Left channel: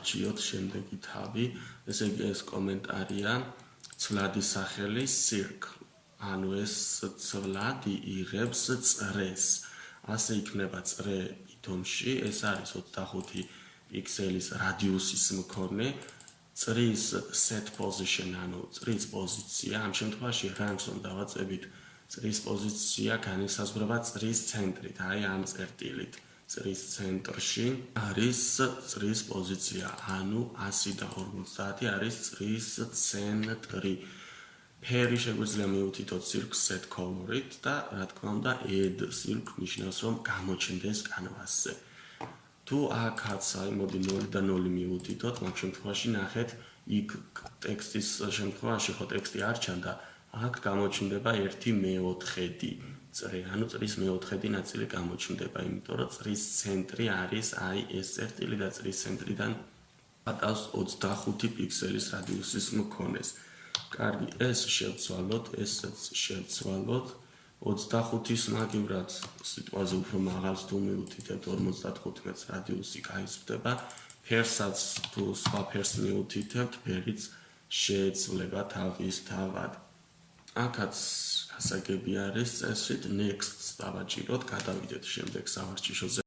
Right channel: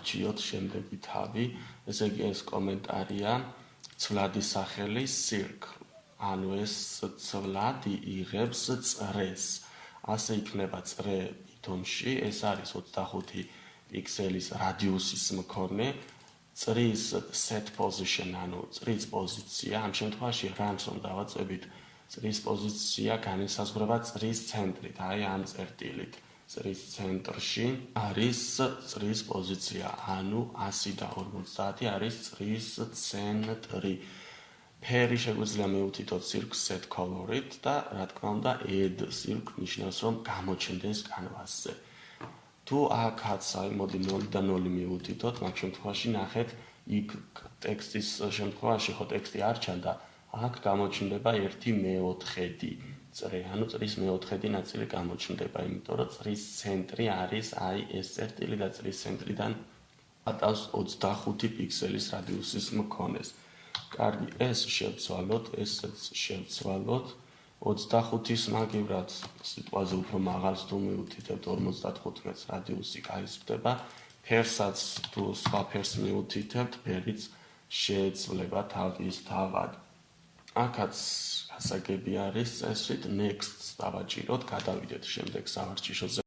გავარჩიოთ შემდეგი თავი, ესე იგი ეს კომენტარია ცვლადი სახელი circle, ანუ ეს ცვლადი იღებს წრეს. ასე იქნება წრე ითონში, ეს არის 25 პიქსელის რადიუსის მქონე, წრის set position, ანუ წრის პოზიცია, ამ შემთხვევაში rams რომ დავაწევით, წრის პოზიცია განისაზღვრება წრის ცენტრით, აი ამ წერტილით. წრის ცენტრში არის წრის პოზიცია, ანუ 150 არის წრის ცენტრი. ფერი შეგვიძლია მივუთითოთ circle set color-ით და რა თქმა უნდა add circle ნიშნავს რომ გამოჩნდეს კანვასზე. თუ აქაც აი მოდი 0 და 0 მივუთითოთ, მაგ შემთხვევაში ნახეთ, იქ ტექსტის შემთხვევაში ხო ტექსტი არ ჩანდა, აქ გამოჩნდება 1/4 წრე, ანუ წრის მე-4 ნაწილი გამოჩნდება, იმიტომ რომ წრის ცენტრი არის აი ეს წერტილი და წრის ცენტრიდან ატავს 25 პიქსელის რადიუსის მქონეს. კარგი, ეს შევცვალოთ, ესეც შევცვალოთ. 25-ის მაგივრად სიტყვაზე უფრო მაღალს თუ მივუთითებთ 55 მეტრს რადიუსი გაიზრდება. ფერსაც თუ სხვა ფერს მივუთითებთ, ფერიც შეეცვლება თავის თავად. აქაც გასაგები არის წესრით next დავაჭიროთ, გადავიდეთ შემდეგ სავარჯიშოზე.